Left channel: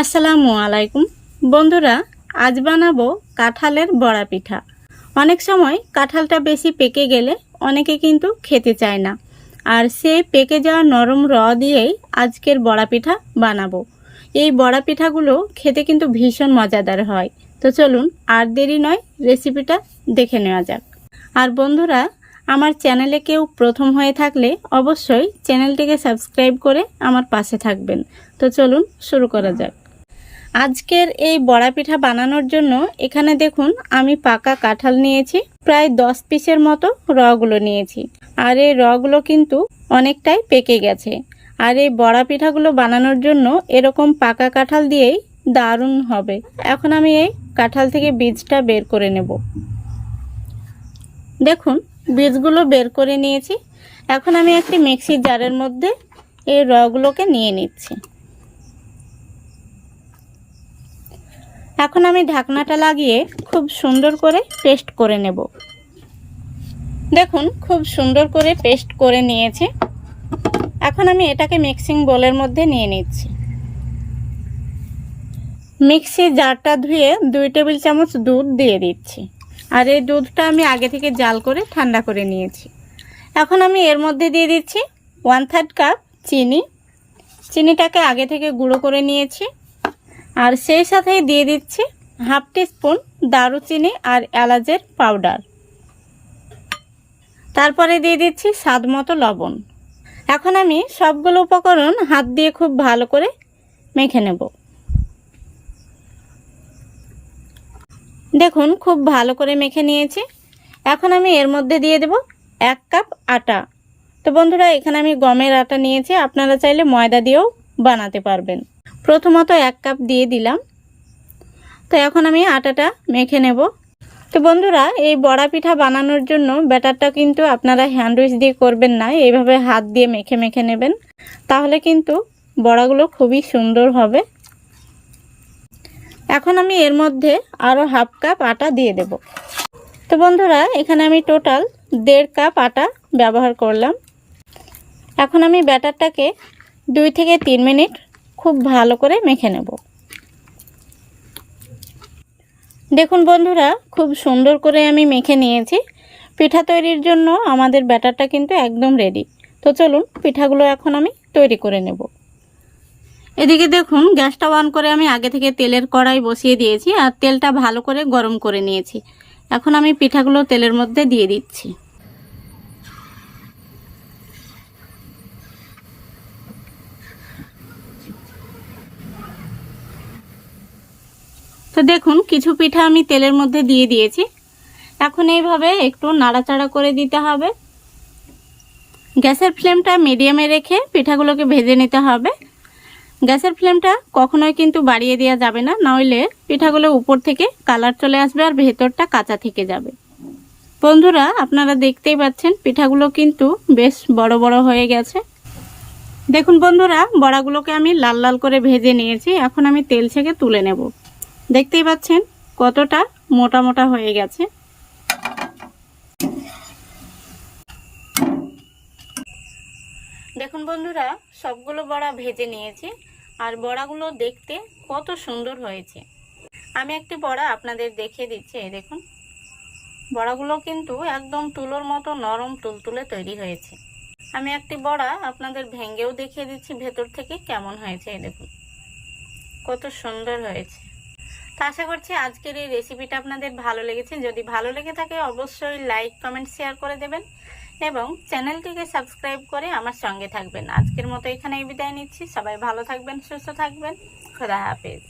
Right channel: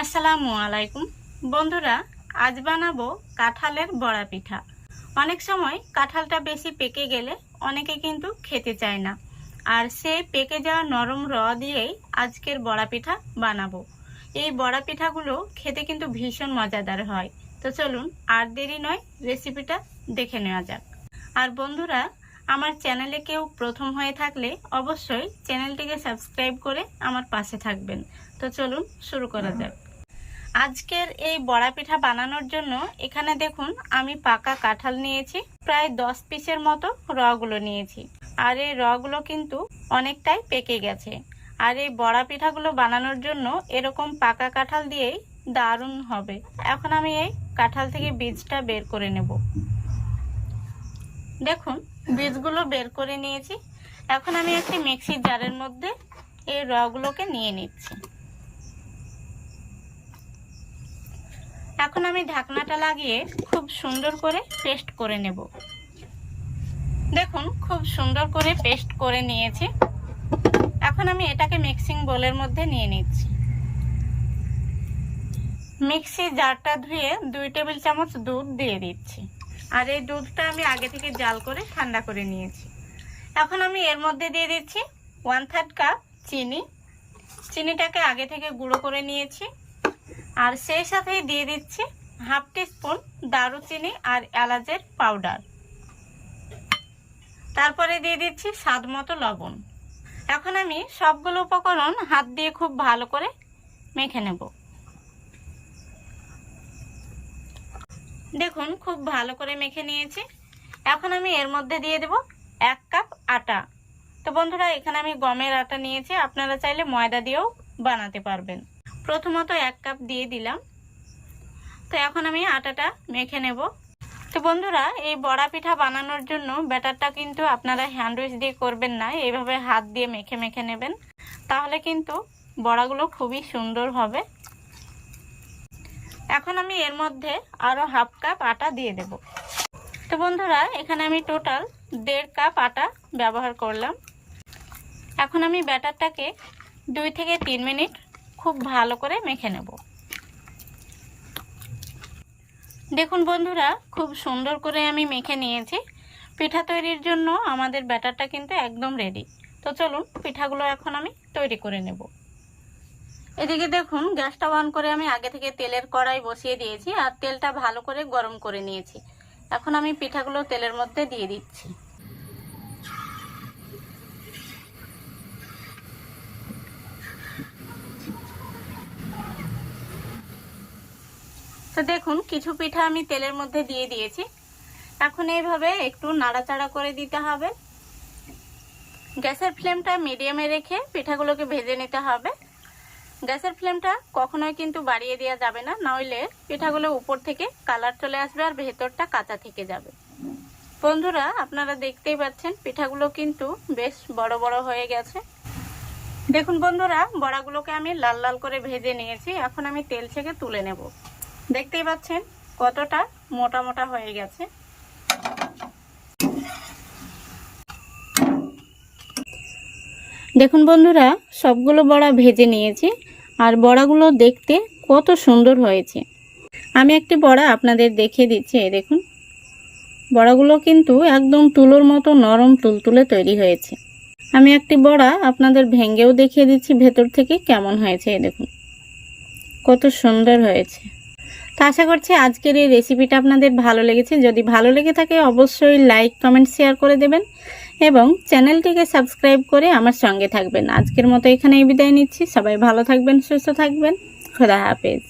আসসালামু আলাইকুম বন্ধুরা, আজ বানাবো কাঁঠালের বড়া পিঠা। অনেক সময় কাঁঠালটা বেশি পেকে গেলে অনেকে কিন্তু খেতে চায় না, আর সেই পেকে যাওয়া নরম দিয়েই আজকের বড়া পিঠা বানাবো। এই বড়া পিঠাগুলো খেতে কিন্তু ভীষণ মজাদার হয়। তো চলুন আর দেরি নয়, রেসিপিটা দেখে নেওয়া যাক। আর বন্ধুরা, আমার চ্যানেলে কেউ প্রথম হয়ে থাকলে অবশ্যই চ্যানেলটিকে সাবস্ক্রাইব করে আমার পাশে থাকবেন। তো চলুন শুরু করা যাক। আজকের এই বড়া পিঠা বানানোর জন্য এখানে দেখুন আমি পাকা কাঁঠাল নিয়েছি, প্রায় 10 পিসের মতো রগুলো নিয়েছি। আর এই রগুলো কিন্তু অনেকটাই পেকে গেছে। আর এই বড়া পিঠাগুলো বানানোর জন্য এরকম পাকা কাঁঠাল দিয়েই দারুণ হবে। এখন আমি এই কাঁঠাল থেকে বীজটা বের করে নেব। দেখুন বীজগুলো বের করে নিয়েছি। এখন আমি একটি মিক্সির জারের মধ্যে এই রগুলোকে নিয়ে নিচ্ছি। এখন আমি ঢাকনাটা লাগিয়ে খুব সুন্দর করে পেস্ট করে নেব। দেখুন খুব সুন্দর করে পেস্ট করে নিয়েছি। এখন আমি এটাকে মিক্সিং বোলের মধ্যে নিয়ে নিচ্ছি। মিক্সি জারটা ধুয়ে 2 টেবিল চামচ দুধ দিয়ে দিচ্ছি। আর এই দুধটা আমি আগে থেকে জাল করে ঠান্ডা করে নিয়েছি। এখন আমি এর মধ্যে দিয়ে দিচ্ছি 1/3 কাপ চিনি। চিনিটাকে আগে থেকে গুঁড়ো করে নিয়েছি। আর সেই সাথে দিয়ে দিচ্ছি 1/2 টিস্পুন দারুচিনি আর এলাচের পাউডার। তারপরে দিয়ে দিচ্ছি স্বাদ মতো লবণ। এখন আমি সবগুলো উপকরণ হাত দিয়ে খুব ভালো করে মেখে নেব। দেখুন খুব ভালো করে মেখে নিয়েছি। এখন আমি এর মধ্যে দিয়ে দেব 1 কাপ আটা। তো বন্ধুরা, এখানে আমি গমের আটা নিয়েছি, আপনারা চাইলে ময়দা দিয়েও বানাতে পারবেন। প্রথমত 1 কাপ দিয়ে দিলাম। তো এখন আমি আটাটা মেখে নেব। তো বন্ধুরা, এই বড়া পিঠা বানানোর জন্য ব্যাটারটা কিন্তু আপনারা হ্যান্ড উইচ দিয়ে করবেন না, এইভাবে হাত দিয়ে মেখে মেখে নেবেন, তাহলে কিন্তু বড়াগুলো খুবই সুন্দর হবে। এখন আমি এর মধ্যে আরও 1/2 কাপ আটা দিয়ে দেব। তো বন্ধুরা, এখানে আমি টোটাল 1.5 কাপ আটা ব্যবহার করলাম। এখন আমি ব্যাটারটাকে 2 থেকে 3 মিনিট খুব ভালো করে মেখে নেব। দেখুন বন্ধুরা, খুব সুন্দর করে আমি মেখে নিয়েছি। পিঠা তৈরির জন্য আমাদের ব্যাটারটা কিন্তু একদম রেডি। তো চলুন পিঠাগুলো এখন আমি তৈরি করে নেব। এদিকে দেখুন গ্যাসটা অন করে আমি আগে থেকে তেলের কড়াই বসিয়ে দিয়েছি, আর তেলটা ভালো করে গরম করে নিয়েছি। এখন আমি পিঠাগুলো তেলের মধ্যে দিয়ে দিচ্ছি। তো দেখুন কিছু পিঠা আমি তেলের মধ্যে দিয়ে দিয়েছি। এখন এইভাবে একটু নাড়াচাড়া করে দিতে হবে। গ্যাসের ফ্লেমটা মিডিয়ামে রেখে পিঠাগুলোকে ভেজে নিতে হবে। গ্যাসের ফ্লেমটা কখনোই কিন্তু বাড়িয়ে দেওয়া যাবে না, নইলে পিঠাগুলো উপর থেকে কালার চলে আসবে আর ভেতরটা কাঁচা থেকে যাবে। বন্ধুরা, আপনারা দেখতেই পাচ্ছেন পিঠাগুলো কিন্তু বেশ বড় বড় হয়ে গেছে। দেখুন বন্ধুরা, বড়াগুলোকে আমি লাল লাল করে ভেজে নিয়েছি। এখন আমি তেল থেকে তুলে নেব। দেখতেই পাচ্ছেন কতটা মোটা মোটা হয়ে গেছে। দেখুন বন্ধুরা, সবগুলো বড়া ভেজে নিয়েছি, আর বড়াগুলো দেখতে কত সুন্দর হয়েছে। আমি একটি বড়া আপনাদের দেখিয়ে দিচ্ছি। দেখুন বড়াগুলো কিন্তু একদম তুলোর মতো নরম তুলতুলে তৈরি হয়েছে। আমি একটি বড়া আপনাদের ভেঙেও দেখিয়ে দিচ্ছি ভেতর থেকে কেমন হয়েছে। দেখুন কত সুন্দর হয়েছে। তো আশা করছি আজকের এই রেসিপিটা আপনাদের ভালো লেগেছে। যদি ভালো লেগে থাকে অবশ্যই লাইক কমেন্ট শেয়ার করে দেবেন এবং চ্যানেলটিকে সাবস্ক্রাইব করে আমার সঙ্গে থাকবেন। আজকের মতো এখানেই বিদায় নিচ্ছি। সবাই ভালো থাকবেন, সুস্থ থাকবেন। খোদা হাফেজ।